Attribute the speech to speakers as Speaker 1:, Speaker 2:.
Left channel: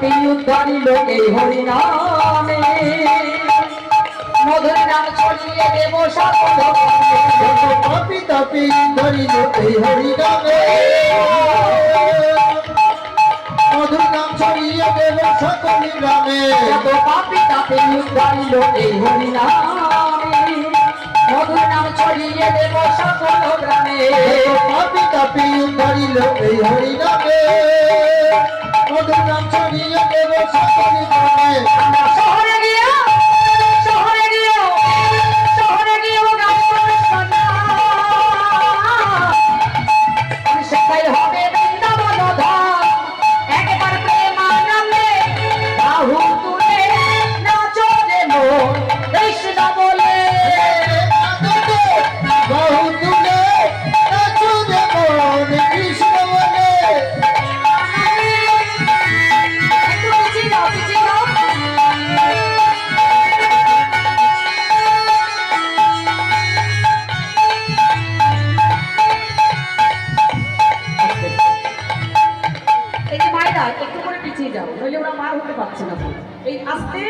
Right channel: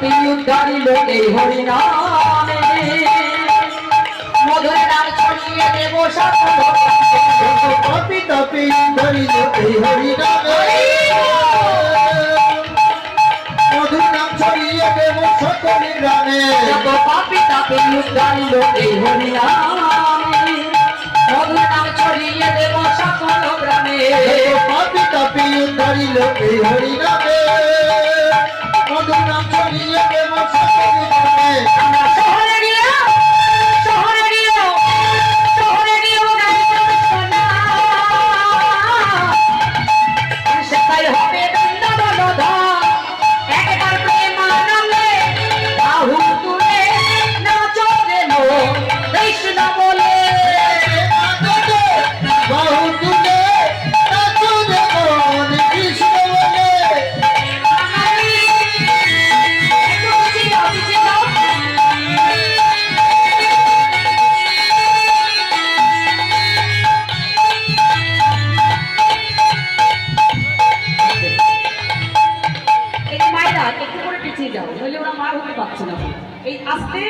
Speaker 1: পাপি উদ্ধারিল এই হরিনামে। মধুর ছড়িয়ে দেব সকল
Speaker 2: পাপি তাপি ধরিল এই হরি নামে ছড়িয়ে দেব সকল গ্রামে
Speaker 1: পাপি তাপি উদ্ধারিল এই হরিনামে। মধুর ছড়িয়ে দেব সকল গ্রামে
Speaker 2: পাপি তাপি ধরিল এই হরি
Speaker 1: এই যে মায়েরা একটু করে পিছিয়ে যাও, নইলে ওরা মার হতে পারছে না। এই আস্তে।